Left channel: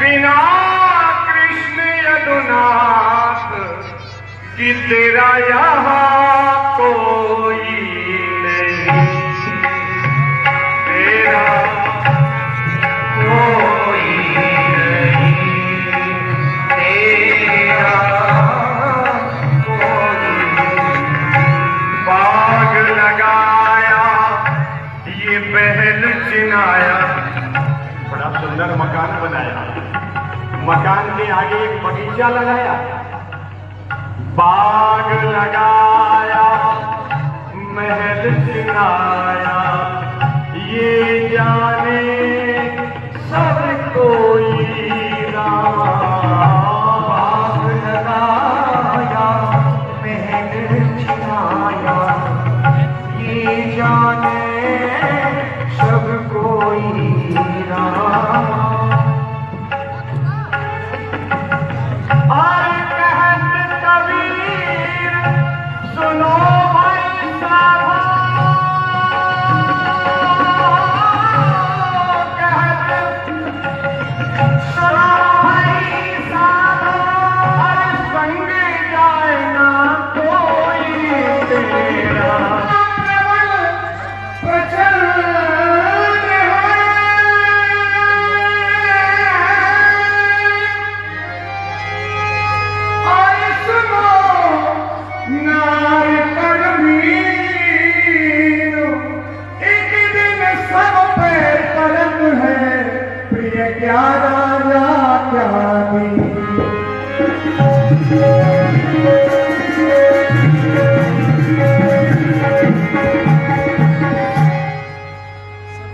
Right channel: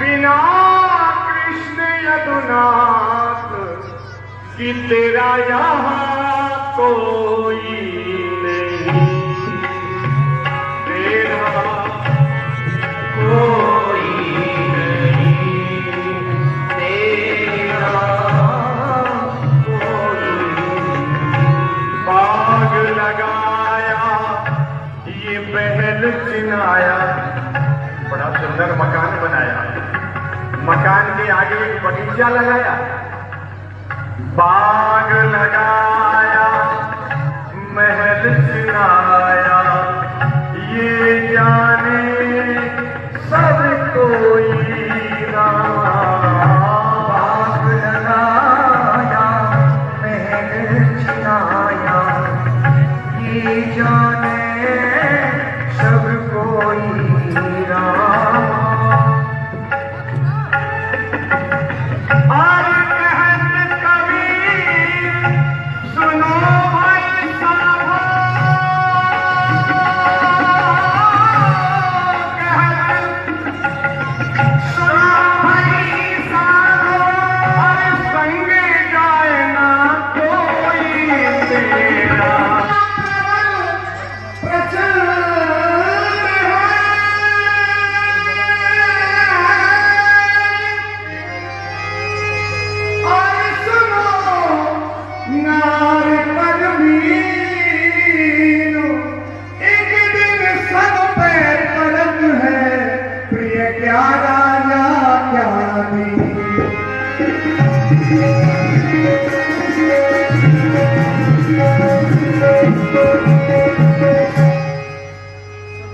बिना कृष्ण यदुनाथ कि तेरा यहाँ कोई नहीं, तेरा कोई नहीं, तेरा कोई नहीं। बाग लगाया ये महल चिनाया, बड़ा सुंदर मकान बनाया, मकान के आगे एक बगीचा लगाया, बाग लगाया महल चिनाया, ये जाने सब कोई राम। बाग लगाया महल चिनाया, ये जाने सब कोई राम।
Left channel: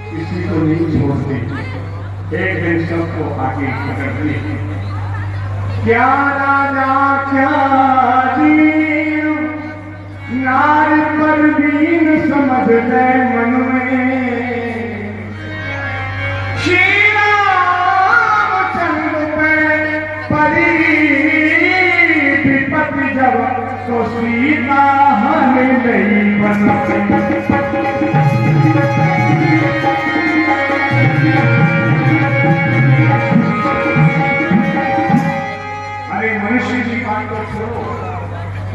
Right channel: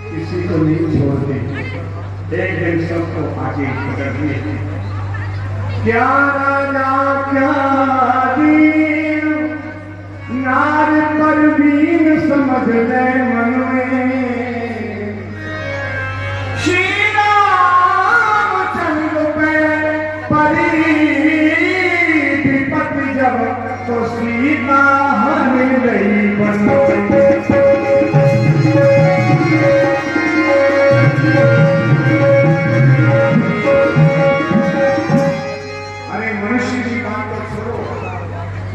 किसी को नहीं छोड़ते, एक दिन सबको आगे पकड़ लिए। क्या राजा क्या दीन, नार पर दीन समझ ले मन में। श्री रामचंद्र पे परी विपत्ति जब, तो सीता हमें गई बन।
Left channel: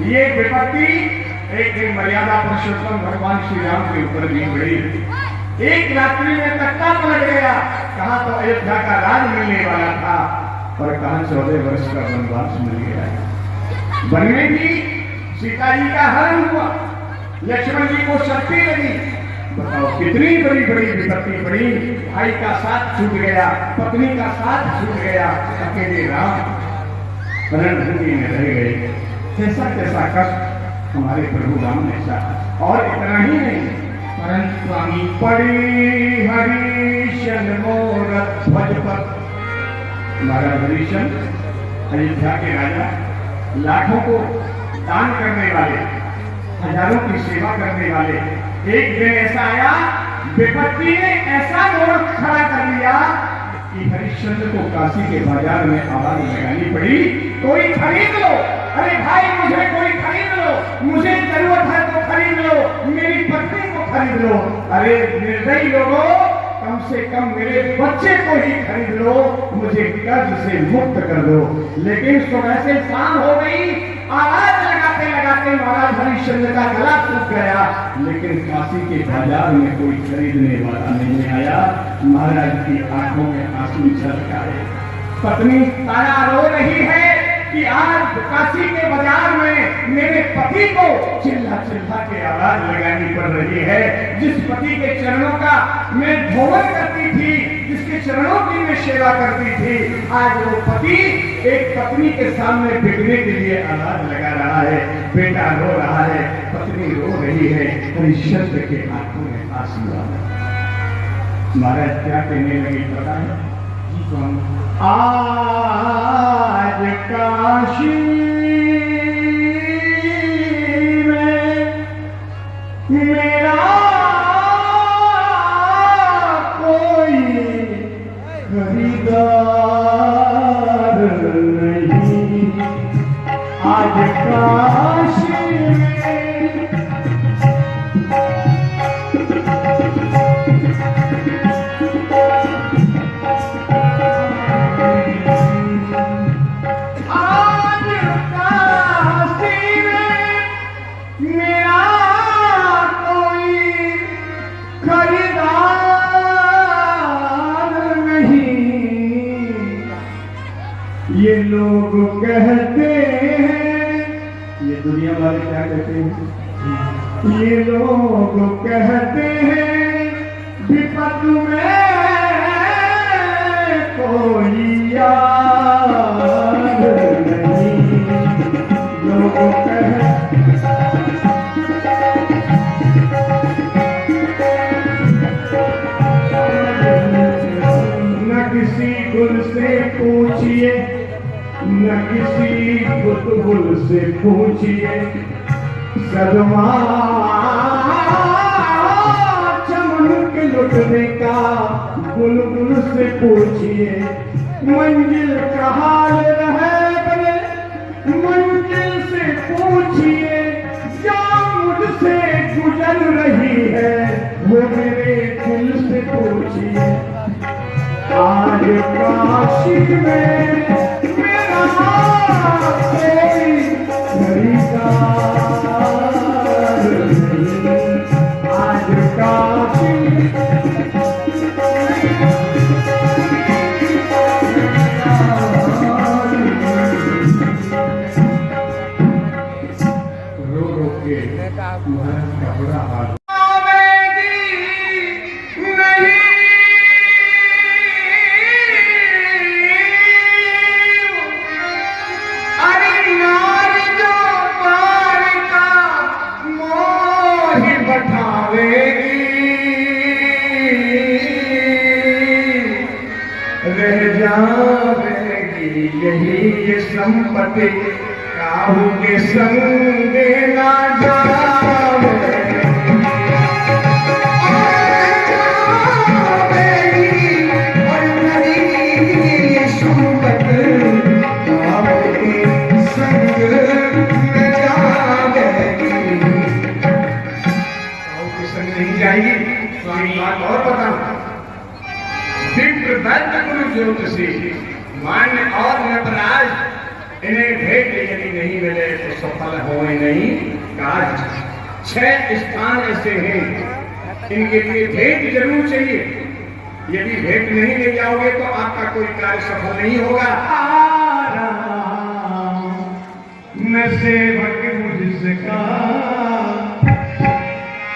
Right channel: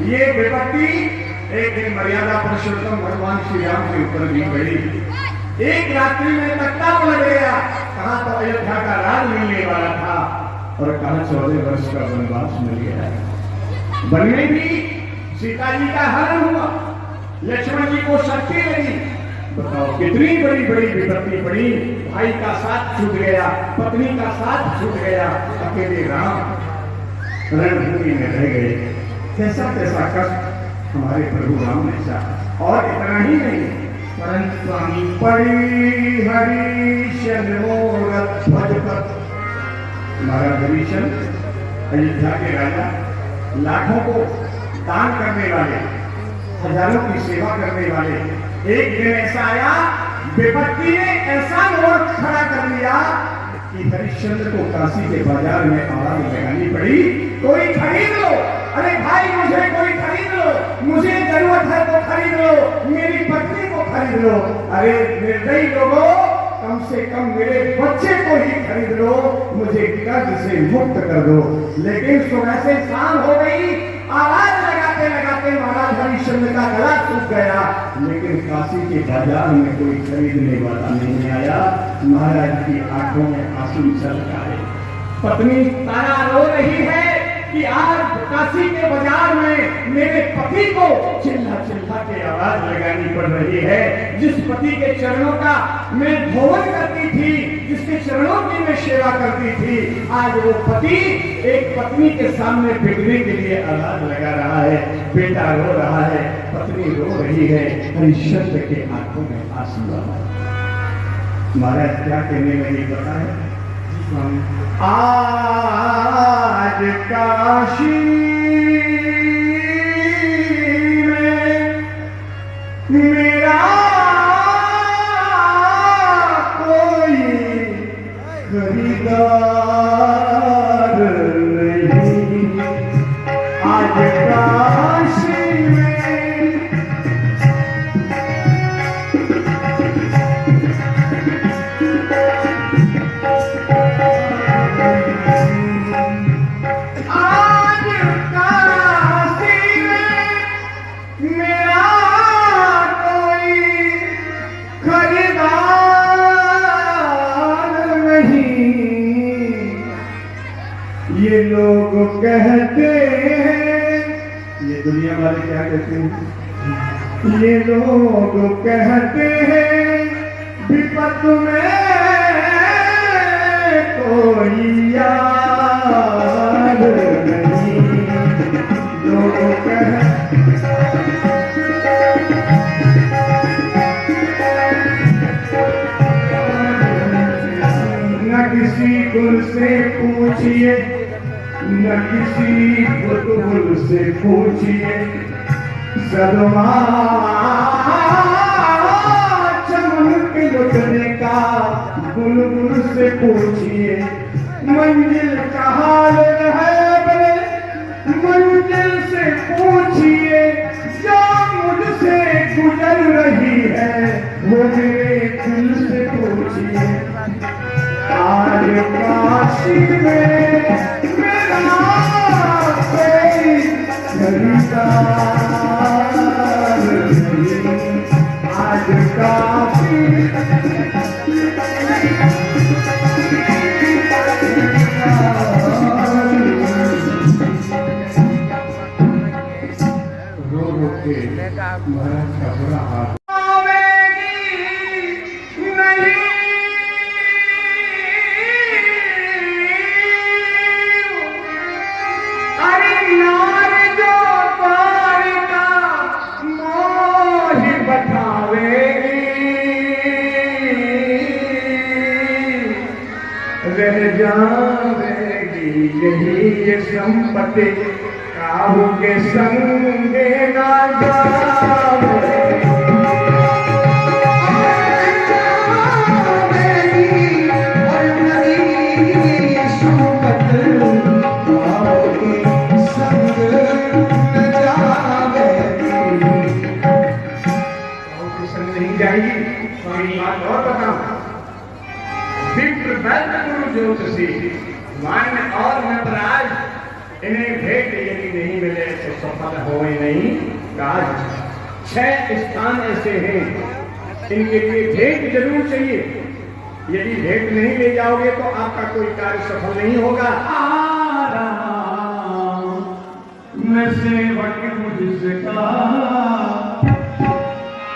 ये विपत्ति एक दिन मर्यादा पुरुषोत्तम भगवान श्री राम के ऊपर दी गई। एक रात्रि में तख्ता पलट गया, कहा तो अयोध्या का राज मिलने वाला था और कहा 14 वर्ष का वनवास मिल गया। वन में भी सीता जी का हरण हुआ, लक्ष्मण जी को शक्ति लगी। बताओ कितनी बड़ी बड़ी विपत्ति पड़ी। भाई का साथ छूट गया, पत्नी का साथ छूट गया, अकेले राम रणभूमि में रह गए। कैसा कैसा कष्ट हमारे प्रभु राम ने सहा। और इतना ही नहीं, परंतु स्वामी पड़ी हरिशन मोर भजपत। हमारा हरिशन अयोध्या के राजा, लाखों को दान करने वाले, हजारों की सेवा करने वाले। एक दिन ऐसा आया, विपत्ति ने ऐसा मोड़ खड़ा कर दिया कि हरिश्चंद्र को काशी के बाजार में आवाज लगानी पड़ी, कोई खरीद लो। अरे भाई मुझे कोई खरीद लो, मुझे जरूरत है तो खरीद लो, मेरी पत्नी को खरीद लो। अरे निर्दयी लोगों, कम से कम मेरे बच्चे को ही खरीद लो, मुझे कर्ज से मुक्त कर दो। लेकिन सुबह से शाम हो गई, आवाज लगाते लगाते महाराज हरिश्चंद्र का गला सूख गया, लेकिन काशी के बाजार में कोई खरीदने वाला नहीं आया। महाराज की आंखों में आंसू छलक आए। पत्नी तारा रो रही है कि आज काशी के बाजार में मेरे पति को चिल्ला चिल्ला के आवाज लगानी पड़ रही है। जिस पति के चरणों का मैं धोवन करती थी, जिसके चरणों की मैं सेवा करती थी, आज वो पति एक पत्नी के सामने बिकने के लिए आवाज लगा रहा है। बेटा रो रहा है, पत्नी रो रही है, हरिश्चंद्र के आंखों में आंसू आ रहा है। महाराज क्या कहने लगी पता है? आज काशी में मेरा कोई खरीदार नहीं। आज काशी में लोग कहते हैं, ये दुनिया वाले क्या कहते हैं, ये लोग कहते हैं विपत में कोई यार नहीं, लोग न किसी गुल से पूछिए, न किसी बुलबुल से पूछिए, सदमा चमक लुटने का बुलबुल से पूछिए, मंजिल का हाल है मंजिल से पूछिए, जो मुझसे गुजर रही है वो मेरे दिल से पूछिए। आज काशी में मेरा कोई खरीदार नहीं, आज काशी रो रो के महल का बुरा हाल। रह जाएगी यही ये संपत्ति, काहू के संगे ना जाएगी और नदी ये संपत्ति, काहू के संग में जाएगी, काहू के संग नहीं जाएगी। स्वामी बात और बताओ, विप्र वैद्य गुरु ज्योतिषी मान्य और नटराज, इन्हें भेंट यदि नहीं मिले तो सफल होने नहीं काज। 6 स्थान ऐसे हैं इनके लिए भेंट जरूर चाहिए, यदि भेंट नहीं ले जाओगे तो आपका कोई कार्य सफल नहीं होगा। मैं सेवक मुझसे कहा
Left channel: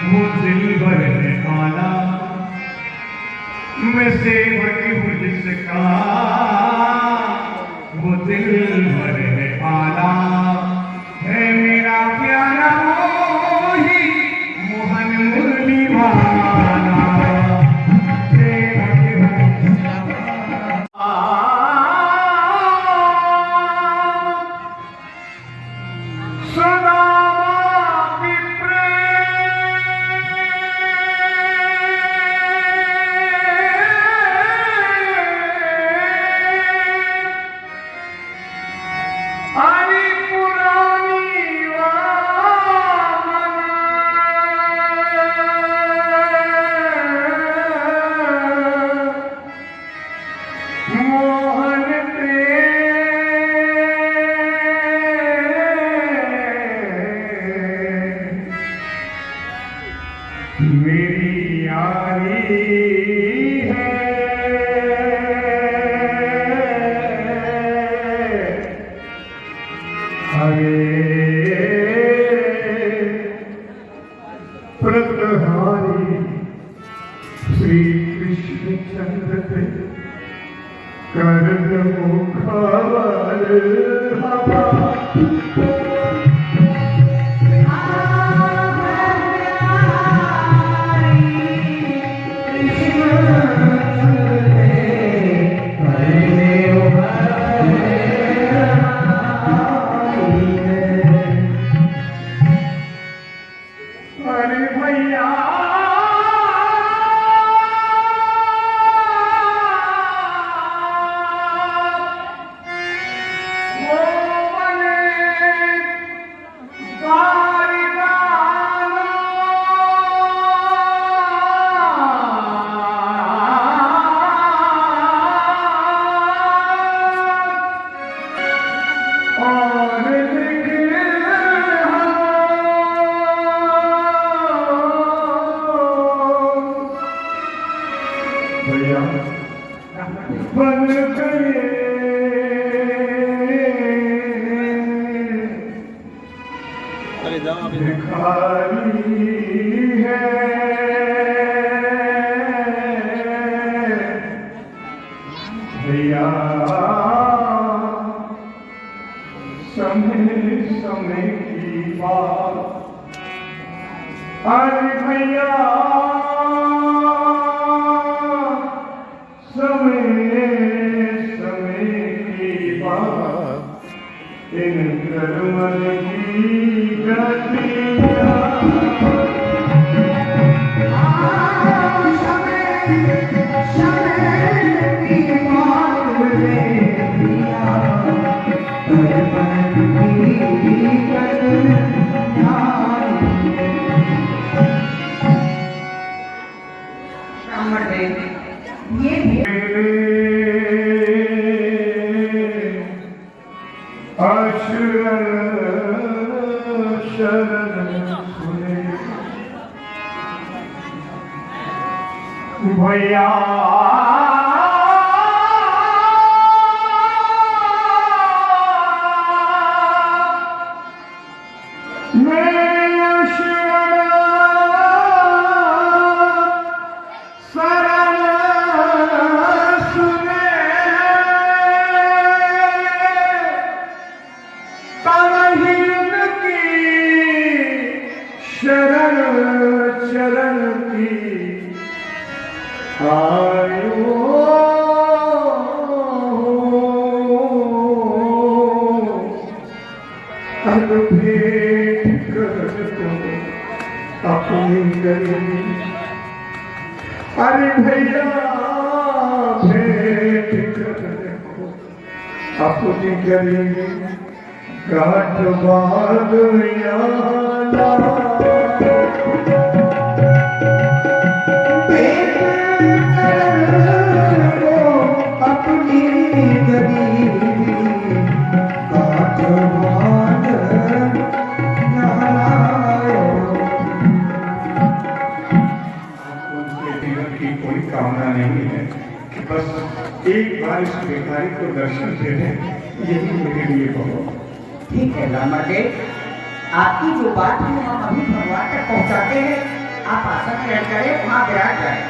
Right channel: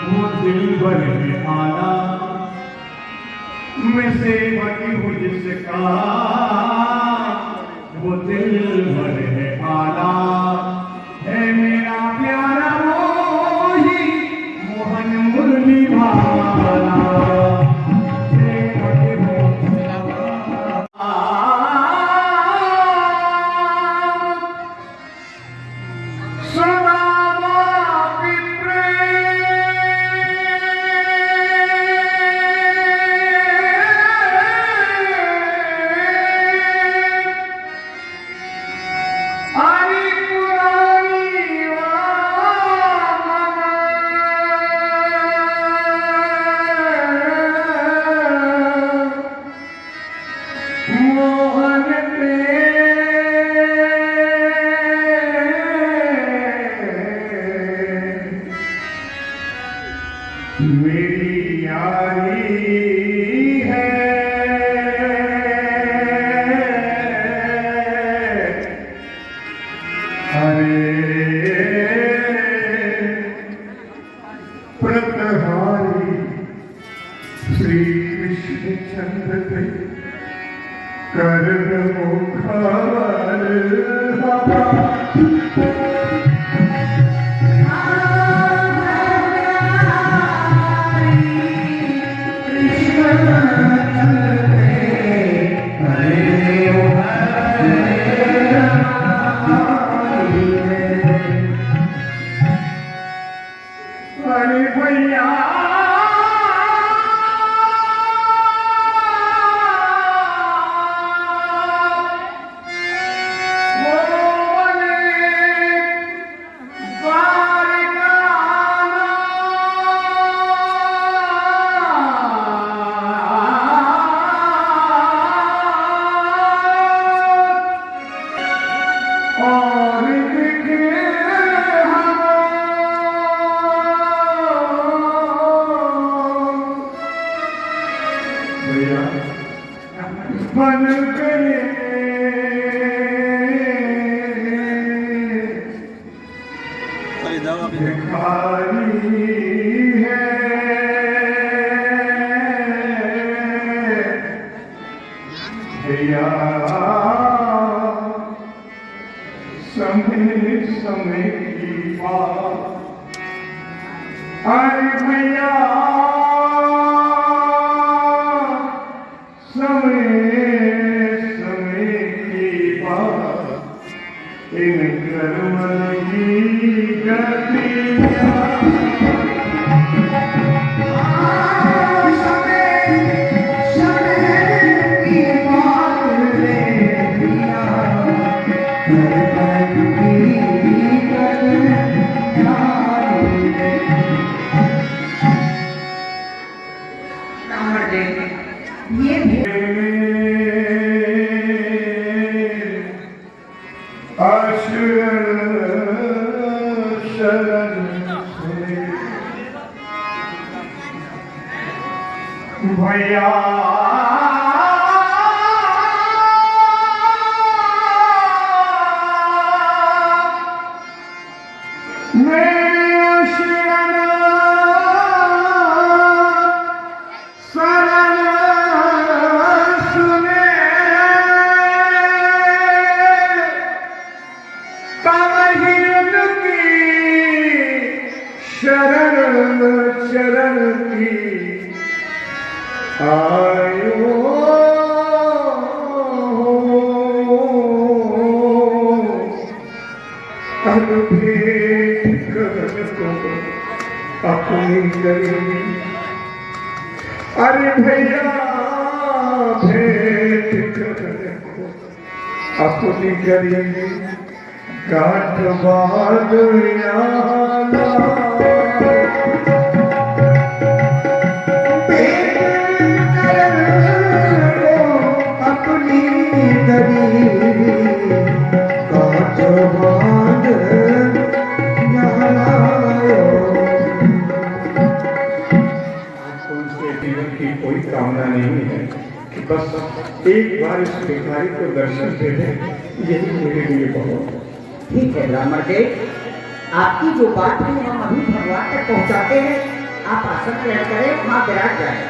वो दिल भर में आना, मैं सेवक मुझसे कहा वो दिल भर में आना, है मेरा प्यारा मोही मोहन मुरली भाना, सेवक सदा मेरी यारी है, हरे प्रतहारी श्री कृष्ण चंद्र पे कर मुखार बन गए भैया समय समय की बात, अरे भैया समय समय की बात, इन कर्म की गतिया भैया अपनी करेंगे, अरे भैया भेंट अपनी करेंगे, काट बाद अपनी गरीबी काट बाद कोई कामना नहीं है कि बस एक बार इस भिखारी को दर्शन दे दे, यही मेरे लिए बहुत ठीक है। ब्राह्मण जी, आपकी जो बात है हम अभी भगवान तक पहुंचाते हैं। आप आसन ग्रहण करें, वहां विराट जाए।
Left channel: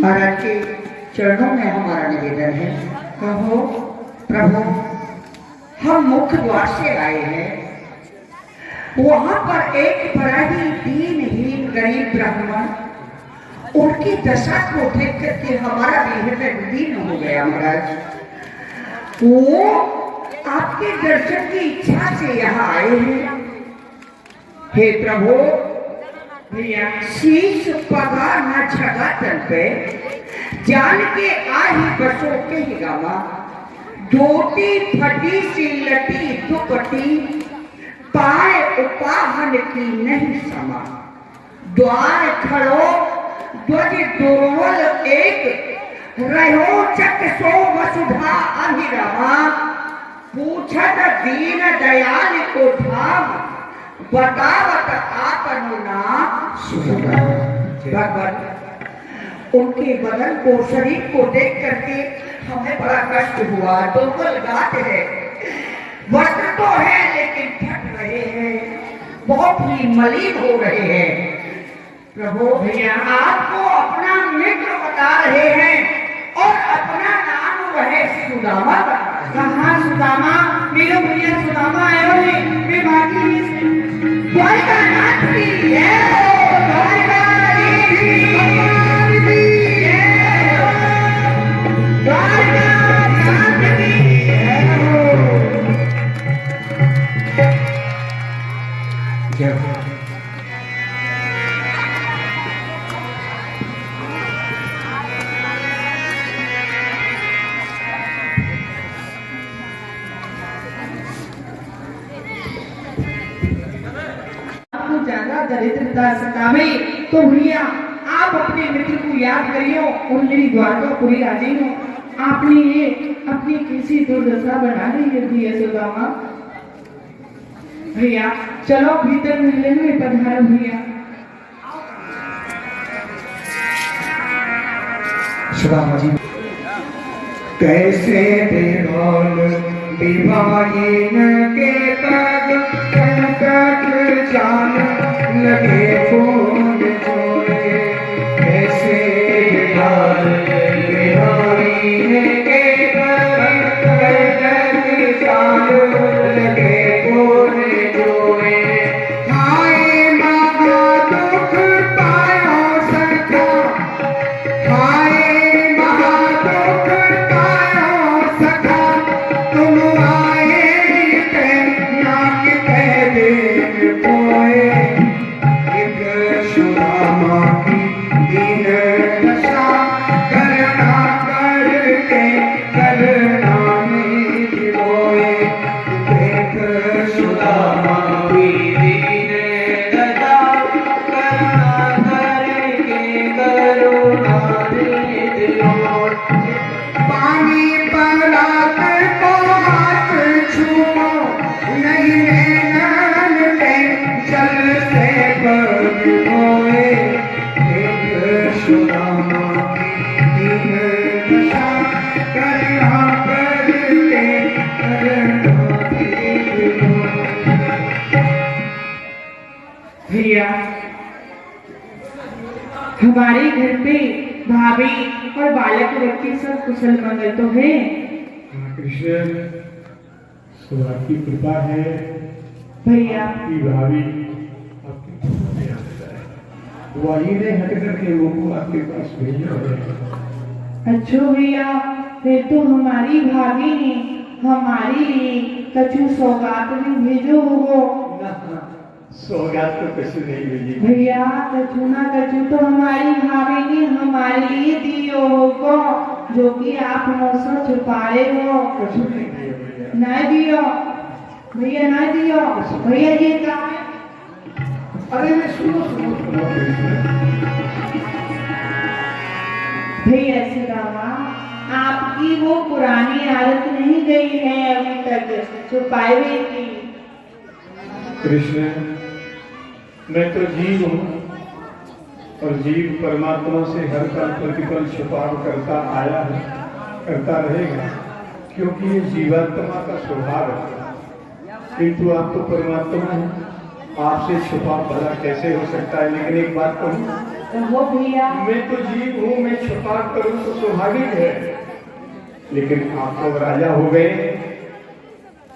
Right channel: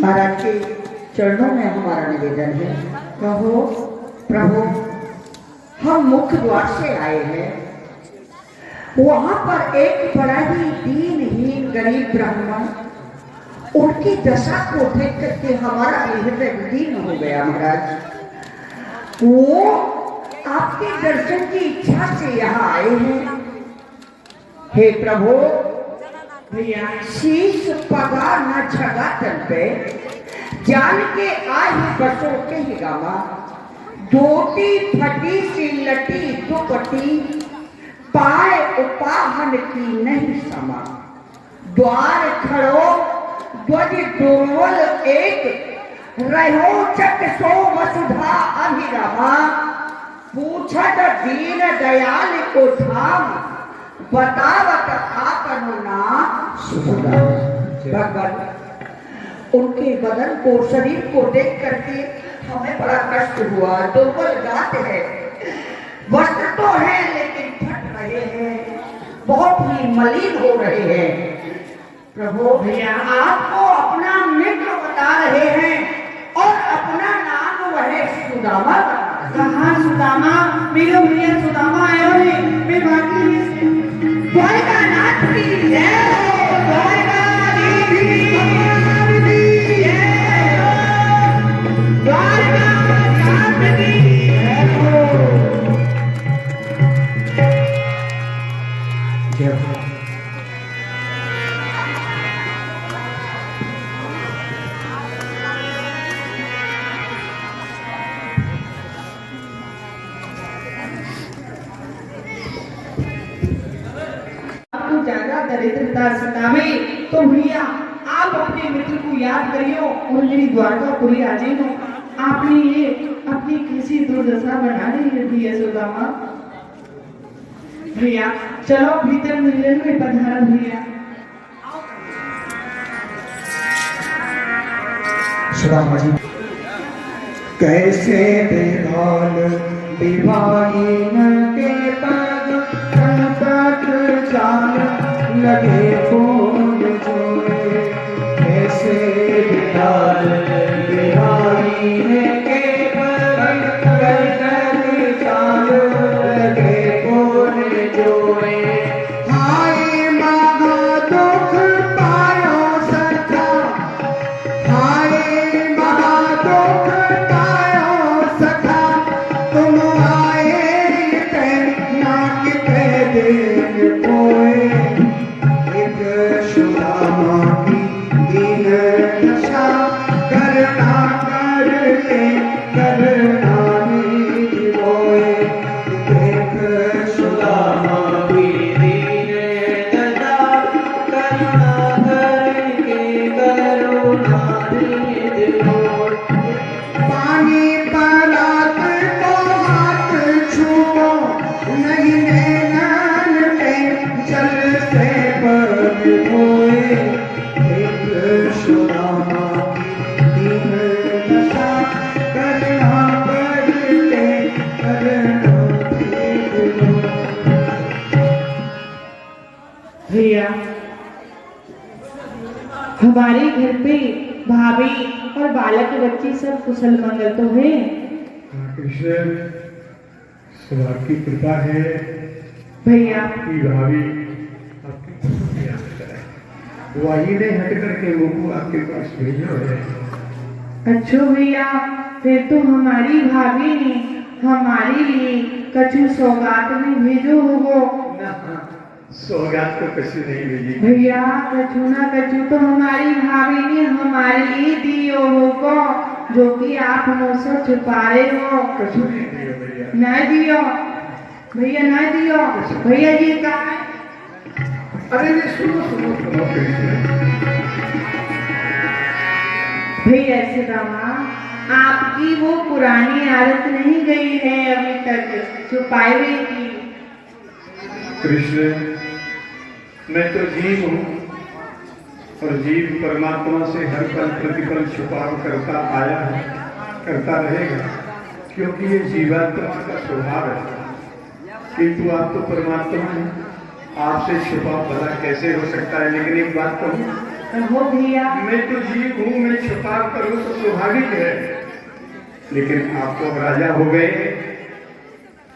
महाराज के चरणों में हमारा निवेदन है, कहो प्रभु, हम मुख्य द्वार से आए हैं, वहां पर एक बड़ा ही दीनहीन गरीब ब्राह्मण, उनकी दशा को देख करके हमारा हृदय दीन हो गया। महाराज, वो आपके दर्शन की इच्छा से यहाँ आए हैं। हे प्रभु, भैया शीश पगा न छगा तन पे, जान के आही बसोते ही गावा, धोती फटी सी लटी दुपट्टी, पाए उपाहन की नहीं समा, द्वार खड़ो ध्वज दुर्वल एक, रहो चक सो वसुधा अभिरमा, पूछत दीन दयाल को धाम, बतावत आपनु नाम सुधा। भगवान, उनके बदन को, शरीर को देख करके हमें बड़ा कष्ट हुआ। दुर्बल गात है, वस्त्र तो है लेकिन फट रहे हैं, बहुत ही मलिन हो रहे हैं। प्रभु भैया आपको अपना मित्र बता रहे हैं और अपना नाम वह सुदामा बता रहे हैं। कहाँ सुदामा? मेरे भैया सुदामा आए हुए, मैं भागी द्वारकानाथ की जय हो, द्वारकाधीश की जय हो, द्वारकानाथ की जय हो। जय हो। ज्यादा दरिद्रता सतावे तो भैया आप अपने मित्र को याद करियो और मेरी द्वारकापुरी राजे हो। आपने ये अपनी कैसी दुर्दशा बना रही है सुदामा। भैया चलो भीतर मिलन में पधारो भैया। सुदामा जी कैसे बेहाल विवाहिन के पग तक जान लगे कौन जोड़े। कैसे बेहाल विवाहिन के पग तक जान लगे कौन जोड़े। हाय महा दुख पायो सखा, हाय महा दुख पायो सखा, तुम आए पे नाक पे देन कोए। एक सुदामा की दीन दशा करना करके करना निज रोए। एक सुदामा की दीन दशा करना करके करुणा निज रोए। पानी परात को हाथ छुओ, नहीं नैनन पे जल से पग धोए। एक सुदामा की दीन दशा करना करके करना निज रोए। भैया हमारे घर पे भाभी और बालक बच्चे सब कुशल मंगल तो है। कृष्ण सब आपकी कृपा है भैया कि भाभी आपके पास में आ जाए। वही ने हट करके वो आपके पास भेजा है। अच्छो भैया फिर तो हमारी भाभी ने हमारे लिए कछु सौगात में भेजो होगो। सौगात तो कछु नहीं भेजी भैया कछु ना कछु तो हमारी भाभी ने हमारे लिए दियो होगो, जो कि आप हमसे छुपा रहे हो। कछु नहीं दिया भैया। ना दियो भैया, ना दियो भैया जी का। अरे ये सुनो सुनो सुनो कृष्ण। भैया सुदामा आपकी वो पुरानी आदत नहीं गई है अभी तक छुपाए की। कृष्ण मैं तो जीव हूँ और जीव परमात्मा से हर पल प्रतिपल छुपाव करता आया है, करता रहेगा, क्योंकि ये जीवात्मा का स्वभाव है। किंतु आप तो परमात्मा हैं, आपसे छुपा भला कैसे हो सकता है। लेकिन एक बात कहूँ, हो भैया मैं तो जीव हूँ, मैं छुपा करूँ तो स्वाभाविक है। लेकिन आप तो राजा हो गए,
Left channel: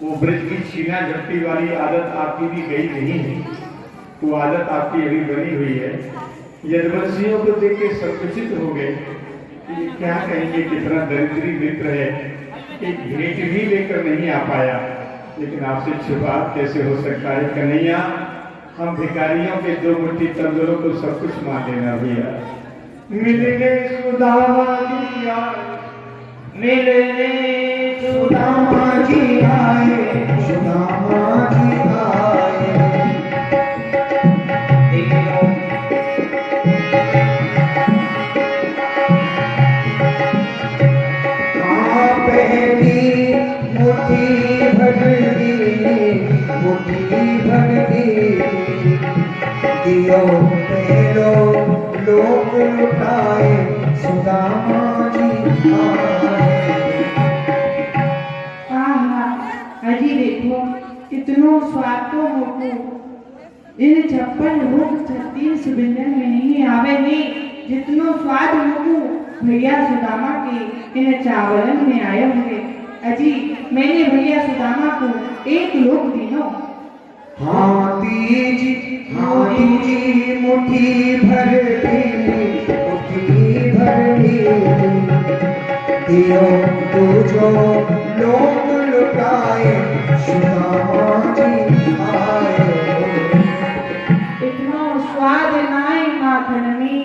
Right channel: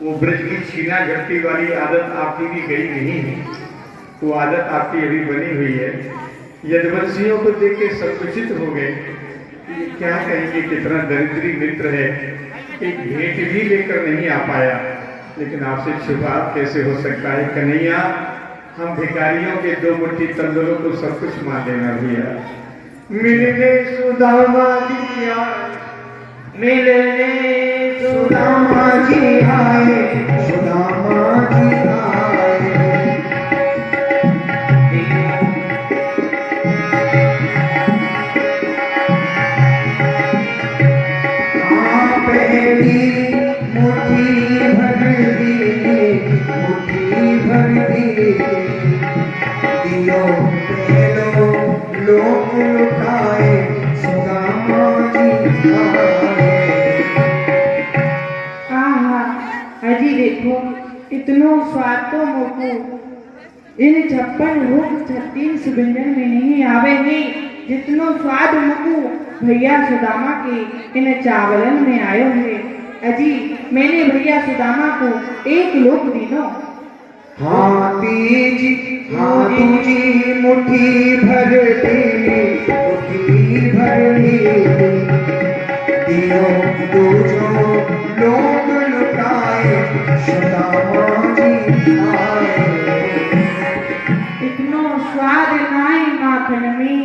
वो ब्रज की छीना झपटी वाली आदत आपकी भी गई नहीं है। वो आदत आपकी अभी बनी हुई है। यदुवंशियों को देख के संकुचित हो गए, ये क्या कहेंगे कितना दरिद्री मित्र है, एक भेंट भी लेकर नहीं आ पाया। लेकिन आपसे छुपाव कैसे हो सकता है कन्हैया। हम भिखारियों के दो मुट्ठी तंदुरों को सब कुछ मान देना भैया। मिलने सुदामा जी आए, मिलने सुदामा जी आए, सुदामा जी आए। पहली मुट्ठी भर दी, मुट्ठी भर दी, दियो पहलो लोग लुटाए, सुदामा जी आए। अजी देखो इतनो स्वाद तो मोको इन 56 लोग 36 व्यंजन में नहीं आवे नहीं जितनो स्वाद मोको भैया सुदामा के इन चावलन में आयो है। अजी मैंने भैया सुदामा को एक लोक दिनो। हाथी जी मुट्ठी भर दी दियो तो जो लोग लुटाए सुदामा जी आए। इतनो स्वाद नाई माखन में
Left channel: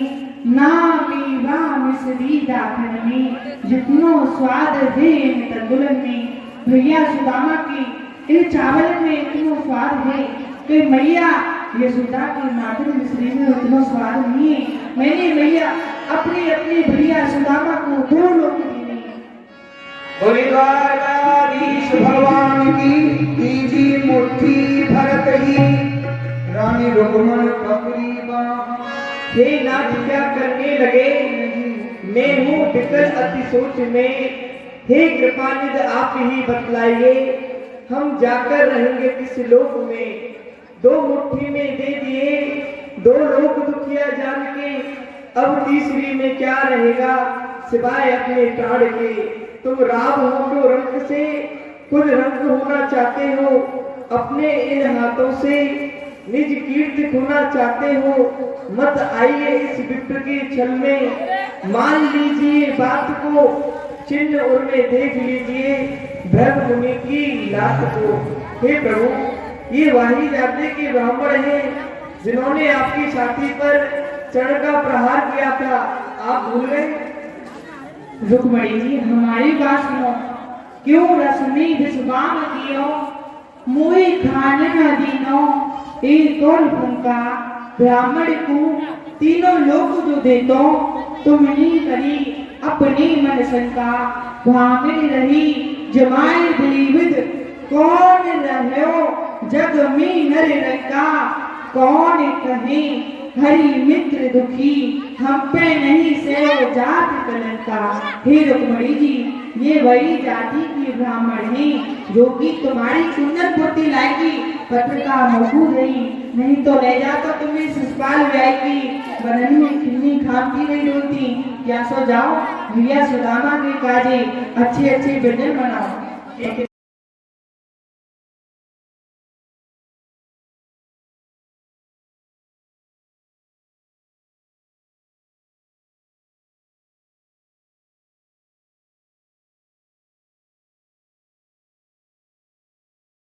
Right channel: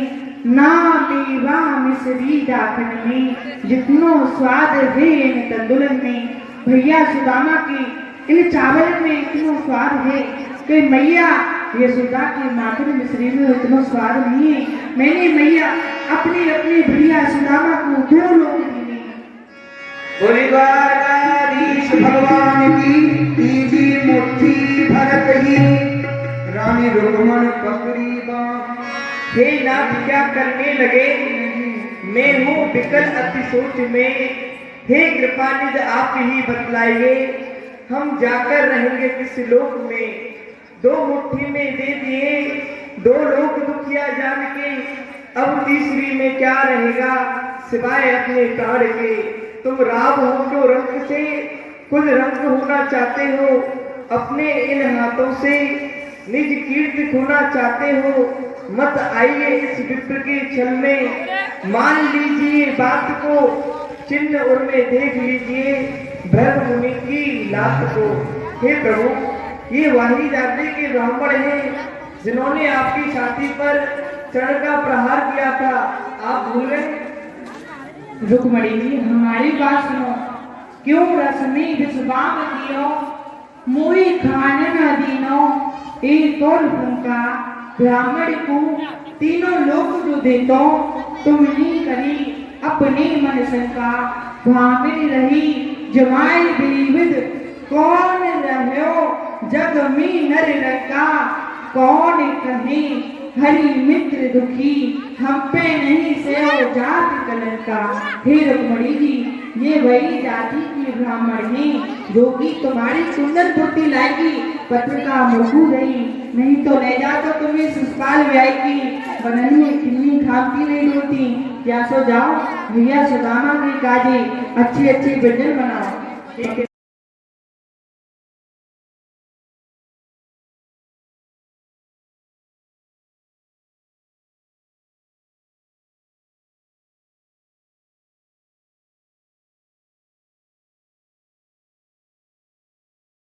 ना मेवा मिश्री दाखन में जितनो स्वाद है इन तंदुलन में भैया सुदामा की इन चावल में इतनो स्वाद है कि मैया यशोदा के माखन मिश्री में इतनो स्वाद नहीं है। मैंने मैया अपने अपने भैया सुदामा को 2 लोग दिए। भगवान की तीजी मुट्ठी भरत ही रानी रुक्मण पकड़ी बाँ। हे नाथ क्या करने लगे मैं हूँ विकल अति सोच में। हे कृपानिधि आप ही बतलाइए हम जाकर रहेंगे किस लोक में। 2 मुट्ठी में दे दिए 2 लोग दुखिया जान के अब तीसरी में क्या रहेगा सिवाय अपने प्राण के। तुम राम हो जो रंग से खुद रंग होना चाहते हो अपने इन हाथों से निज कीर्ति खोना चाहते हो मत आइए इस विप्र के छल में। मान लीजिए बात को चिन्ह और में देख लीजिए भ्रम मुनि की लात को। हे प्रभु ये वाही राज्य के ब्राह्मण हैं जिन्होंने आपकी छाती पर चढ़ का प्रहार किया था आप भूल गए। रुक्मणी जी हमारी बात सुनो क्यों रश्मि विश्वाम दियो मोहि खाने न दीनो एक और भूखा ब्राह्मण को तीनों लोग जो देतो तुमनी करी अपनी मन शंका भामिल रही जमाई विविध कौन रहो जग में हर रंका कौन कहे हरि मित्र दुखी हम पे नहीं से जाति कलंका। हे रुक्मणी जी ये वही जाति की ब्राह्मण है जो कि तुम्हारी सुंदर पुत्री लाएगी पत्र का मुखू नहीं तो ले जा तो तुम्हें शिषपाल व्याय की बनन में खिलनी खाती नहीं होती। या सो जाओ भैया सुदामा ने काजे अच्छे व्यंजन बनाओ।